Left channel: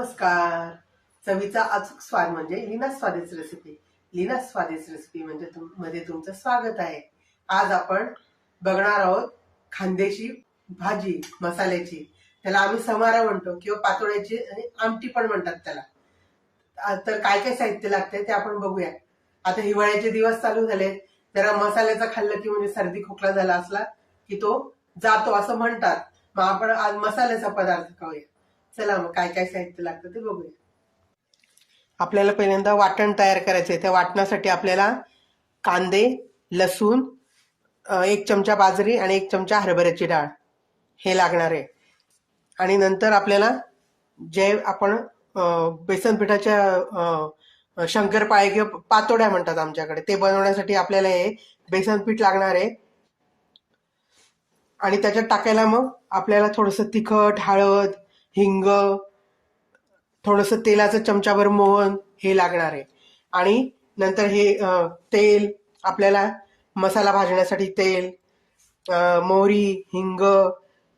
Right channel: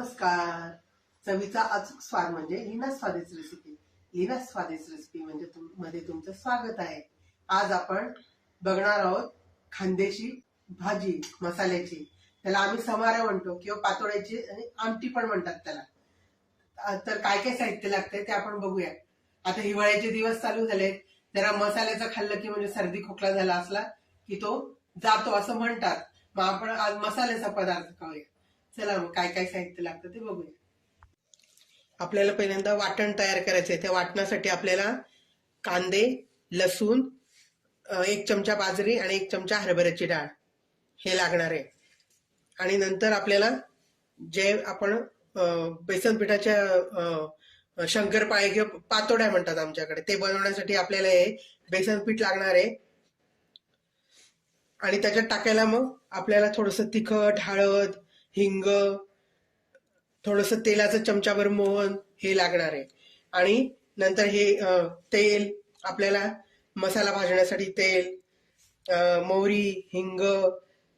नमस्कार. चवीचा अचूक स्वाद म्हणजे लीना स्वादिष्ट रेसिपी लीना स्वादिष्ट रेसिपी म्हणजे तुम- मध्ये तुमचं स्वागत आहे. आज आपण बघणार आहोत खांदेशी भाजी मसाल्याची. त्याला आम्ही समारा म्हणतो किंवा पातोळ्याची आणि आमटी पण म्हणतात त्याला. तर काय काय साहित्य लागते ते आपण बघूया. आता हिवाळ्याचे दिवस चालू झाले. जरा मसाल्याचं खाल्लं की म्हणजे सर्दी खोकला झाला असला की तो जातो असं म्हणतात. मग आपण आज मसाल्याचा पदार्थ खाऊया. चला मग काय काय साहित्य लागतं ते बघूया. आपल्याला पहिल्यांदा वाटण तयार करायचंय. त्या वाटणासाठी आपल्याला कांदे लसूण एक चमचा बाजरी आणि एक चमचा हरभऱ्याची डाळ हे लागणार आहे. आणि नंतर आपल्याला जे आपण बेसन पिठाच्या शंकरपाळे किंवा पातोड्या म्हणतात आमच्याकडे ते बनवण्यासाठी आपल्याला हे बेसन पीठ लागणार आहे. आणि त्याच्यात टाकायला मग आपल्याला थोडंसं तिखट हळद हिंग थोडंसं तेलाचं चमचाभर मोहन हे लागणार आहे. आणि नंतर हे तेल आपल्याला मसाला भाजण्यासाठी तेल मोहरी हिंग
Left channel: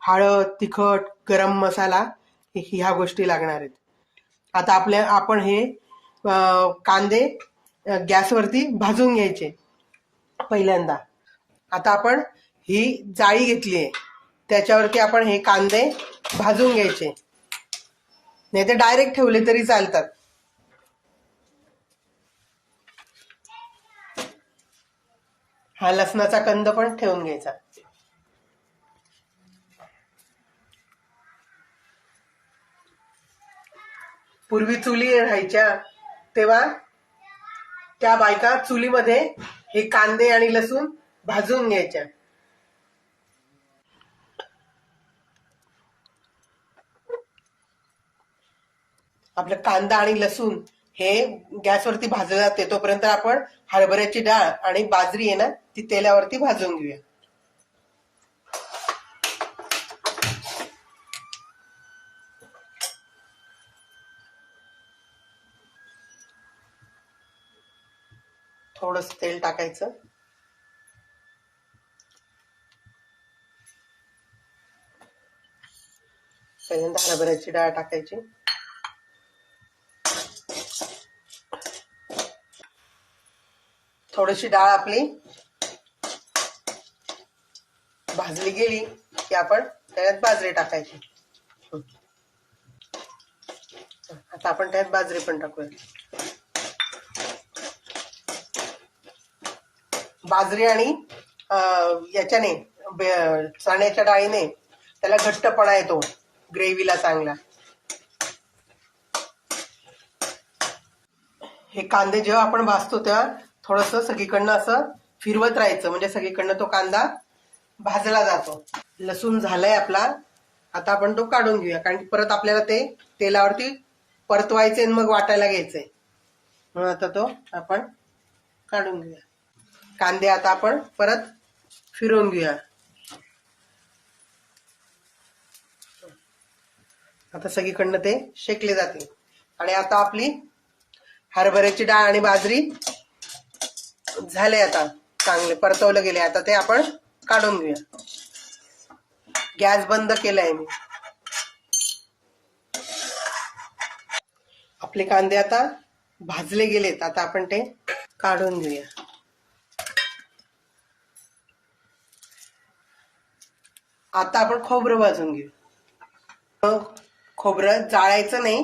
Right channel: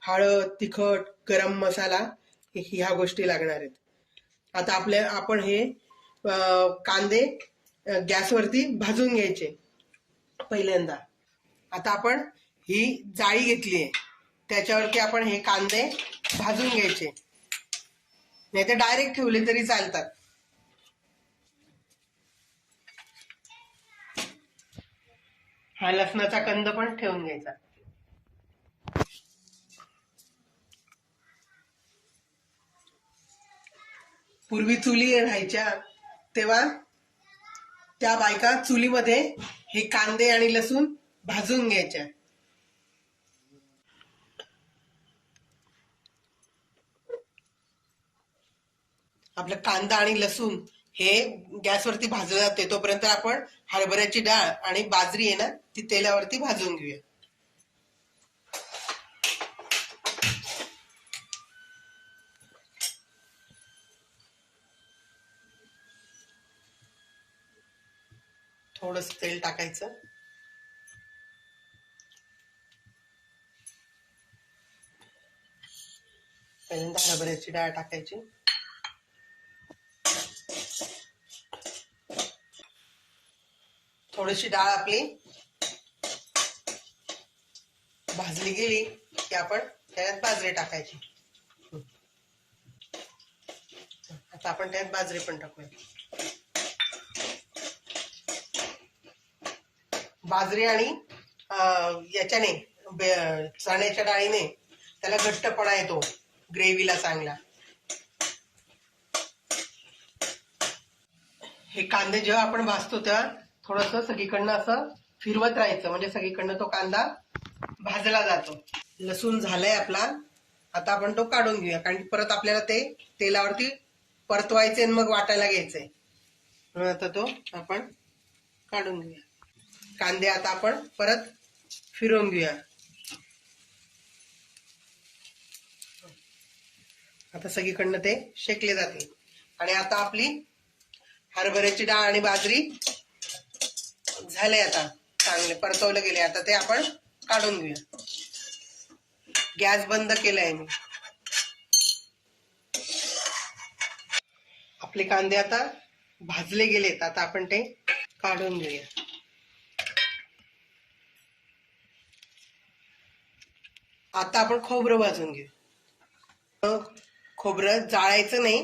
हळद तिखट गरम मसाला ह्या गोष्टी लागणार आहेत. आता आपल्या आपण हे कांदे गॅसवरती भाजून घ्यायचे. पहिल्यांदा. आता आपण ही जाळी घेतली आहे. त्याच्यावरती आपण हे कांदे भाजून घ्यायचे. नाही ते डायरेक्ट ठेवले तरी चालतात. हा लसणाचा कंद पण ठेवून घ्यायचा. पूर्वी चुली राहायच्या तेव्हा त्या बायका चुलीमध्ये हे कांदे आणि लसूण भाजून घ्यायच्या. आपलं कांदा आणि लसूण हे गॅसवरती भाजलं जाते तोपर्यंत आपण हरभऱ्याची डाळ आणि बाजरी आहे ना ती तेलावरती भाजून घेऊया. थोडस तेल टाकायचं. पहिल्यांदा हरभऱ्याची डाळ टाकायची. थोडीशी डाळ आपली भाजली गेली की आपण त्याच्यात बाजरी टाकायची. आता आपण त्यात बाजरी पण टाकूया. बाजरी आणि याच्याने चण्याच्या डाळीने त्याला घट्टपणा येतो. ग्रेव्हीला चांगला. हे कांदे जेव्हा आपण भाजतो तेव्हा थोडस सगळीकडनं असं फिरवत राहायचं. म्हणजे सगळीकडनं तो कांदा भाजला जातो. लसूण झालाय आपला. आता आपण तो काढून घेऊया. कारण की परत आपल्याला ते तेलावरती परतवायचे आणि मग वाटायला घ्यायचंय म्हणून आता तो आपण काढून घेऊया. कांदे आता आपण परत फिरवून घेऊया. आता सगळीकडनं ते शेकले जाते आणि आता आपली हरभऱ्याची डाळ आणि बाजरी. झाले आता चांगले परतवलं गेले. आता ते आपण काढून घेऊया. गॅस बंद केलाय मी. आपले कांदे आता भाजले गेलेत. आता आपण ते काढून घेऊया. आता आपण खोबरं भाजून घेऊ. मग खोबरं जाळायचं नाही.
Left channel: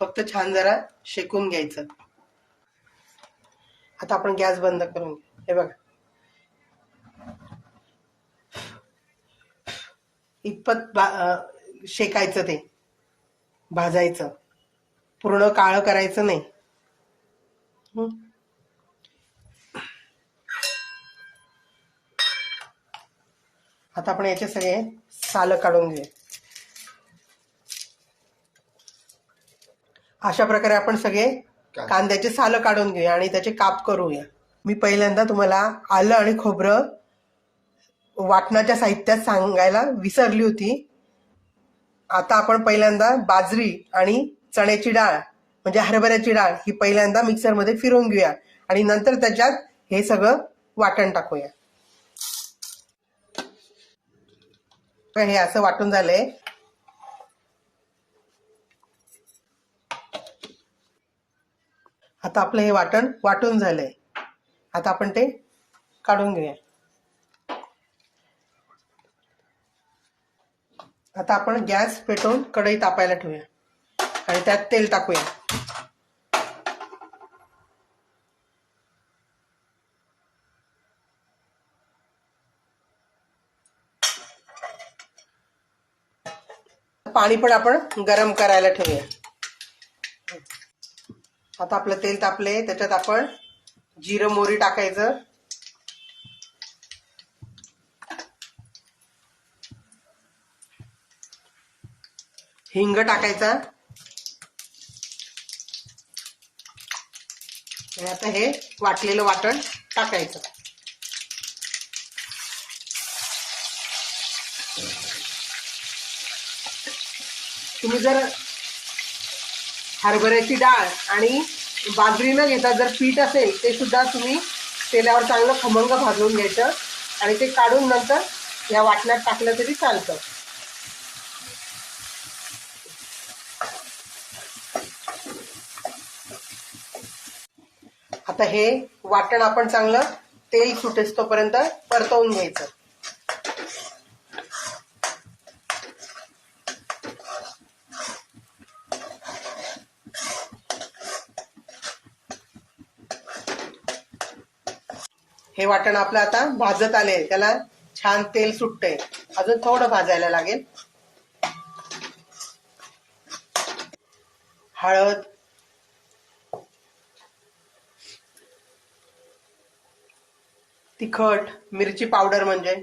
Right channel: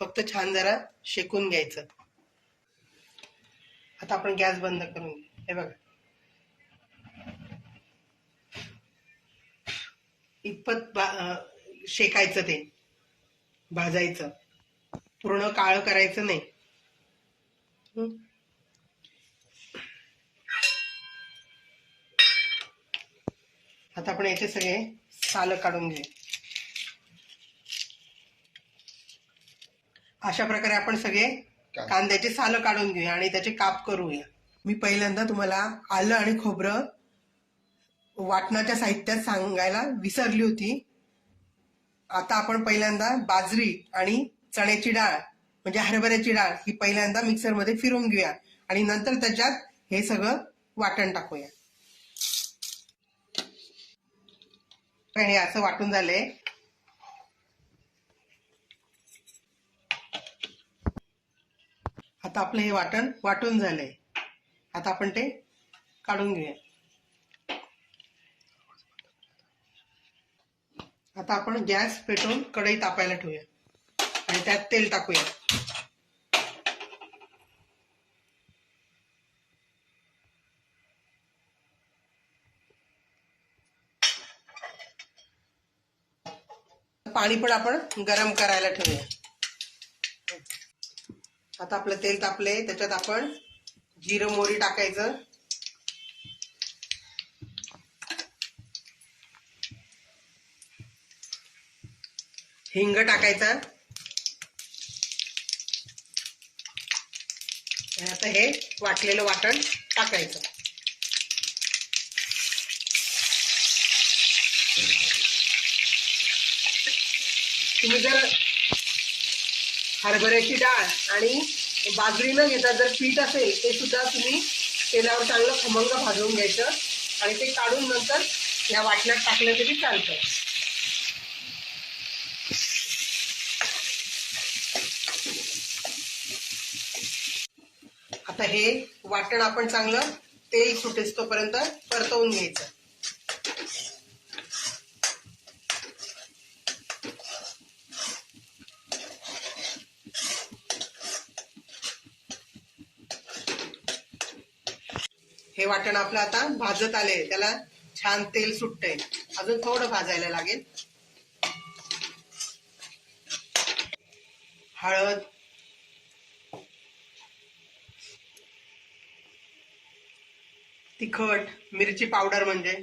फक्त छान जरा शेकून घ्यायचं. आता आपण गॅस बंद करून घेऊ. हे बघा. इतपत शेकायचं ते. भाजायचं. पूर्ण काळं करायचं नाही. आता आपण याचे सगळे सालं काढून घेऊया अशा प्रकारे आपण सगळे कांद्याचे सालं काढून घेऊया आणि त्याचे काप करूया. मी पहिल्यांदा तुम्हाला आलं आणि खोबरं वाटणाच्या साहित्यात सांगायला विसरली होती. आता आपण पहिल्यांदा बाजरी आणि चण्याची डाळ म्हणजे हरभऱ्याची डाळ ही पहिल्यांदा मिक्सरमध्ये फिरवून घेऊया आणि नंतर त्याच्यात हे सगळं वाटण टाकूया. पण हे असं वाटून झालंय. आता आपलं हे वाटण वाटून झालंय. आता आपण ते काढून घेऊया. आता आपण गॅस पेटवून कढई तापायला ठेवूया. आणि त्यात तेल टाकूया. पाणी पण आपण गरम करायला ठेवूया. आता आपलं तेल तापले त्याच्यात आपण जिरं मोरी टाकायचं. हिंग टाकायचा. आता हे वाटलेलं वाटण टाकायचं. तुम्ही जर हरभऱ्याची डाळ आणि बाजरी न घेता जर पीठ असेल ते सुद्धा तुम्ही तेलावर चांगलं खमंग भाजवून घ्यायचं आणि ते काढून नंतर या वाटण्यात टाकलं तरी चालतं. आता हे वाटण आपण चांगलं तेल सुटेस तोपर्यंत परतवून घ्यायचं. वाटण आपलं आता भाजत आले त्याला छान तेल सुटतंय. अजून थोडं भाजायला लागेल. हळद. तिखट मिरची पावडर म्हणजे.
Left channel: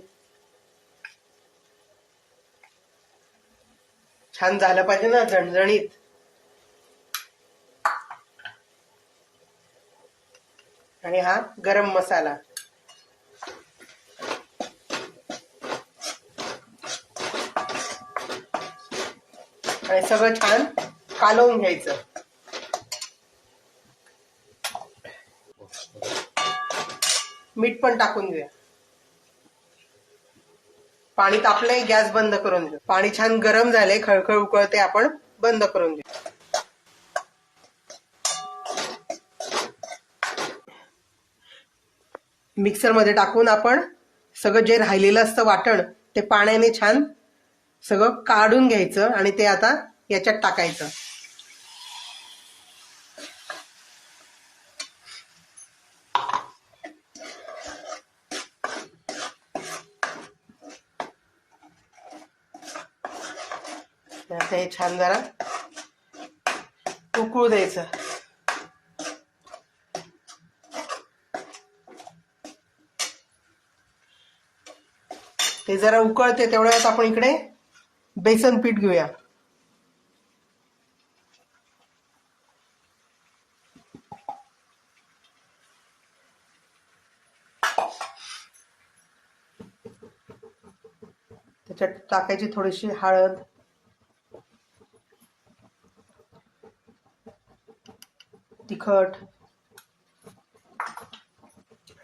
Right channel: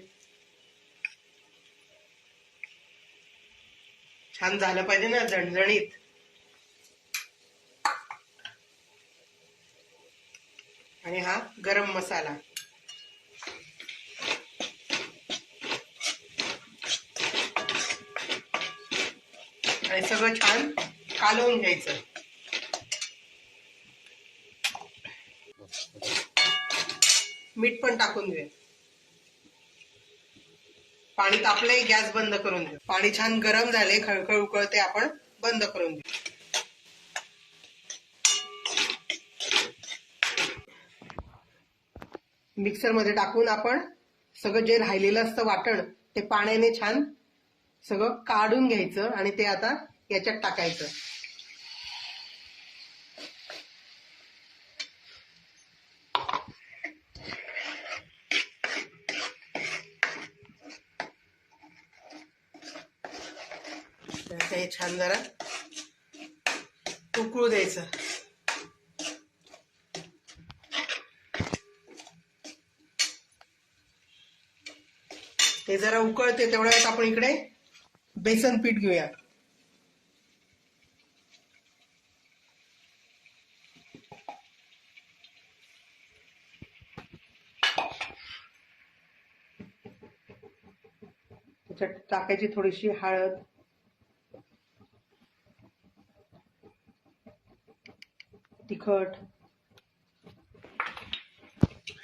छान झालं पाहिजे ना झणझणीत. आणि हा गरम मसाला. आणि सगळं छान कालवून घ्यायचं. मीठ पण टाकून घेऊया. पाणी तापलंय गॅस बंद करून घेऊ. पाणी छान गरम झाले खळखळ उकळते आपण बंद करून घेऊ. मिक्सरमध्ये टाकून आपण सगळं जे राहिलेलं असतं वाटण ते पाण्याने छान सगळं काढून घ्यायचं आणि ते आता याच्यात टाकायचं. हे छान जरा उकळू द्यायचं. ते जरा उकळते तेवढ्या आपण इकडे बेसन पीठ घेऊया. त्याच्यात टाकायची थोडीशी हळद. तिखट.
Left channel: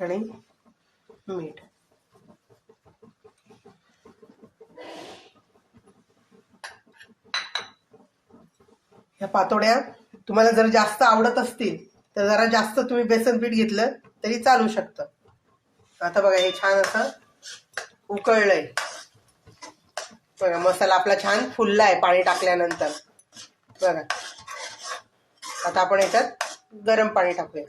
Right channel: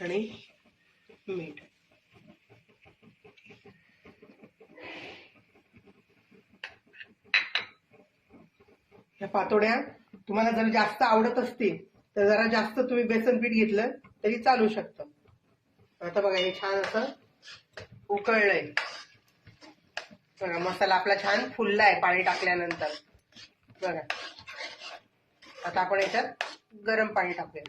आणि मीठ. ह्या पातोड्या तुम्हाला जर जास्त आवडत असतील तर जरा जास्त तुम्ही बेसन पीठ घेतलं तरी चालू शकतं. आता बघा हे छान असं उकळलंय. बघा मसाला आपला छान फुलला आहे पाणी टाकल्यानंतर. बघा. आता आपण याच्यात गरम पाणी टाकूया.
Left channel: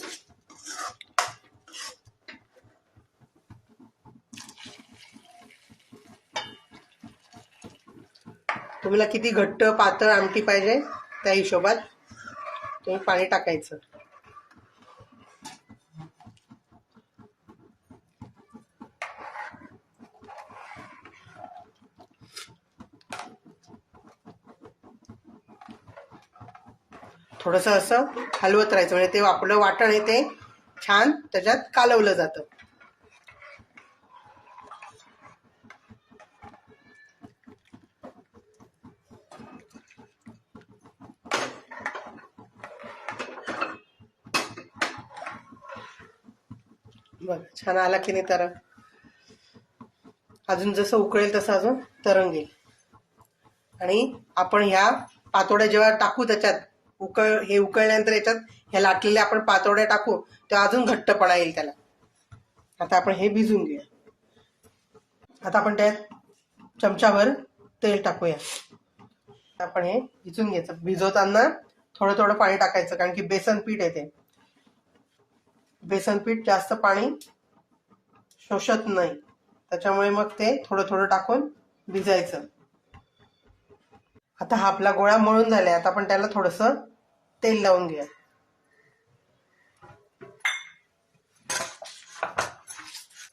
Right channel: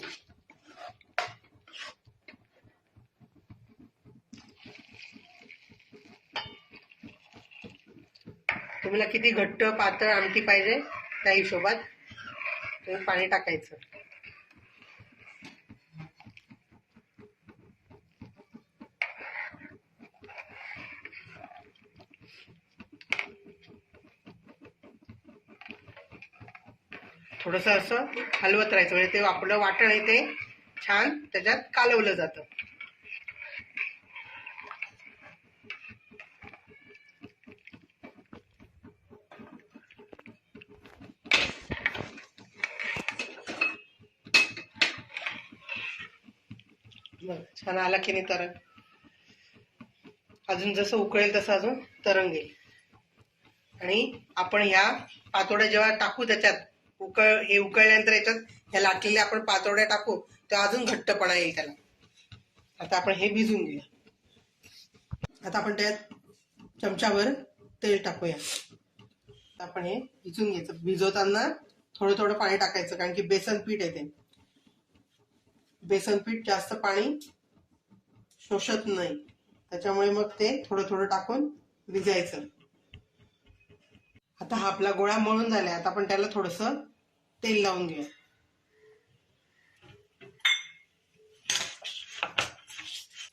तुम्हाला किती घट्ट पातळ आमटी पाहिजे? त्या हिशोबात तुम्ही पाणी टाकायचं. थोडंसं असं हलवत राहायचं. म्हणजे ते आपलं वाटण आहे ते छान त्याच्यात कालवलं जातं. बघ छान आला की नाही तर अजून जसं उकळेल तसं अजून तरंगेल आणि आपण ह्या पातोड्या जेव्हा टाकू त्याच्यात उकळ हे उकळल्यानंतर याच्यात ह्या लाटलेल्या आपण पातोड्या टाकू तेव्हा अजून घट्टपणा येईल त्याला. आता आपण हे भिजून घेऊया. आता आपण त्यात चमचाभर तेल टाकूया. आपण हे भिजून घ्यायचं. भिजवताना थोडं थोडं पाणी टाकायचं कारण की बेसन पीठ आहे ते. बेसन पीठ जास्त पाणी शोषत नाही. त्याच्यामुळे मग ते थोडं थोडं टाकून भिजायचं. आता हा आपला गोळा मळून झालाय. आता आपण त्याला थोडस तेल लावून घेऊया.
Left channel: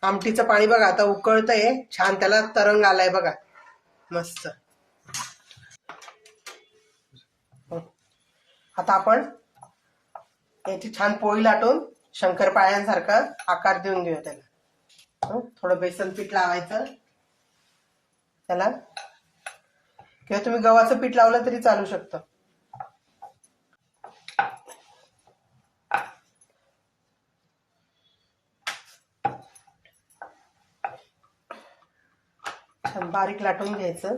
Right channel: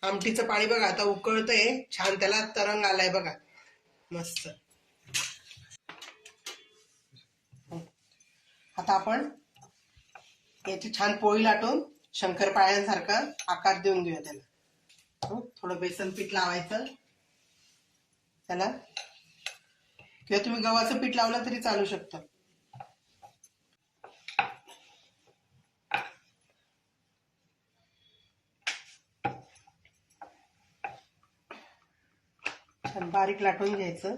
आमटीचं पाणी बघा आता उकळतंय. छान त्याला तरंग आलाय बघा. मस्त. आता आपण याची छान पोळी लाटून शंकरपाळ्यांसारखं आकार देऊन घेऊ त्याला. थोडं बेसन पीठ लावायचं. त्याला. किंवा तुम्ही गव्हाचं पीठ लावलं तरी चालू शकतं. बारीक लाटून घ्यायचं.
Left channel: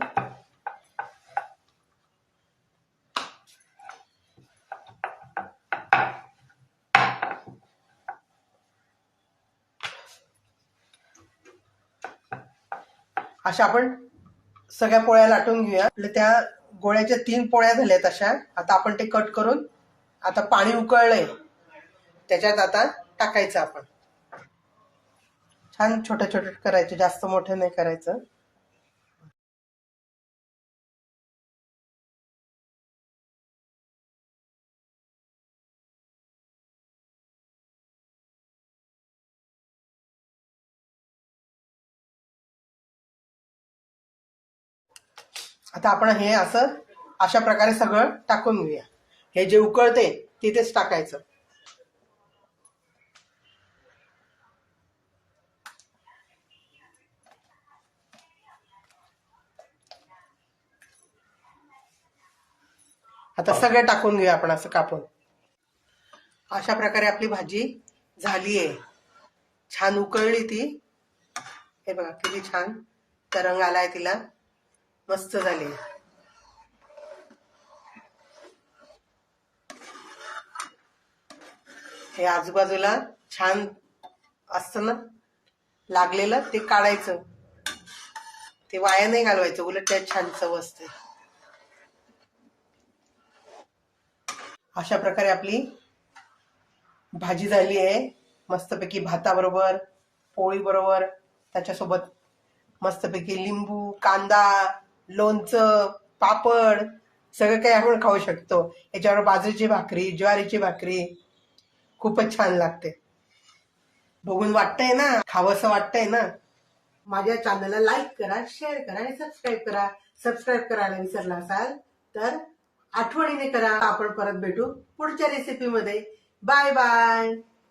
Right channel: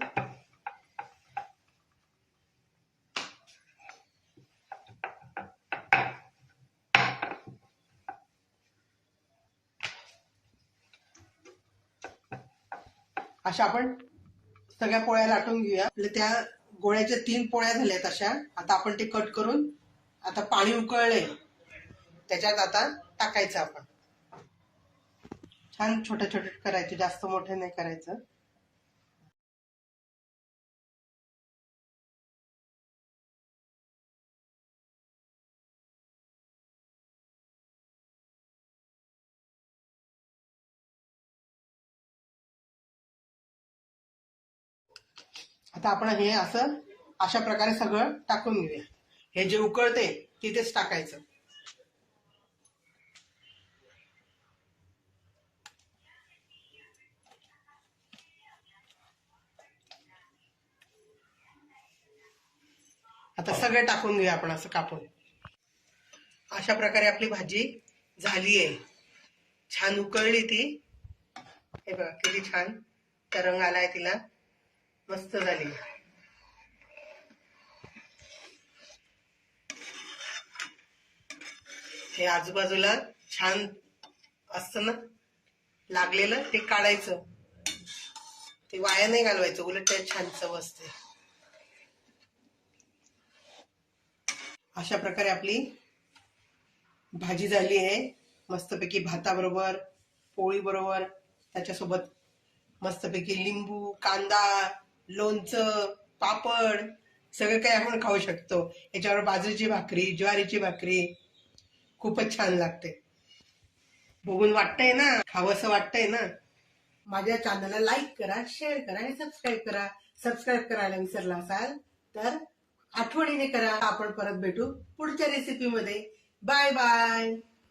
अशा आपण सगळ्या पोळ्या लाटून घेऊया. आपल्या त्या गोळ्याच्या तीन पोळ्या झाल्यात अशा. आता आपण ते कट करून आता पाणी उकळलंय. त्याच्यात आता टाकायचं आपण. छान छोटे छोटे करायचे. जास्त मोठे नाही करायचं. आता आपण हे असं अशा प्रकारे सगळं टाकून घेऊया. हे जे उकळते तिथेच टाकायचं. आता सगळं टाकून घेऊया आपण असं कापून. अशा प्रकारे आपली भाजी झाली आहे छान उकळली ती. हे बघा किती छान तरंग आलाय तिला. मस्त झाली. हे आजूबाजूला छान असतं ना? लागलेलं ते काढायचं. ते वाया नाही घालवायचं उलट त्यात छान चव असते अशा प्रकारे आपली भाजी झाली आहे. मस्तपैकी भाताबरोबर पोळी बरोबर त्याच्यासोबत मस्तपैकी लिंबू कांदा लोणचं पापड सगळं काही आपण खाऊ शकतो. याच्यावर बाजरीची भाकरी ज्वारीची भाकरी खूपच छान लागते. बघून वाटतंय ना? खावंसं वाटतंय ना? माझ्या चॅनलला लाईक करा शेअर करा आणि सबस्क्राईब करा. सबस्क्राईब करायला विसरला असाल तर आठवणीने करा. आपण परत भेटू पुढच्या रेसिपीमध्ये बाय बाय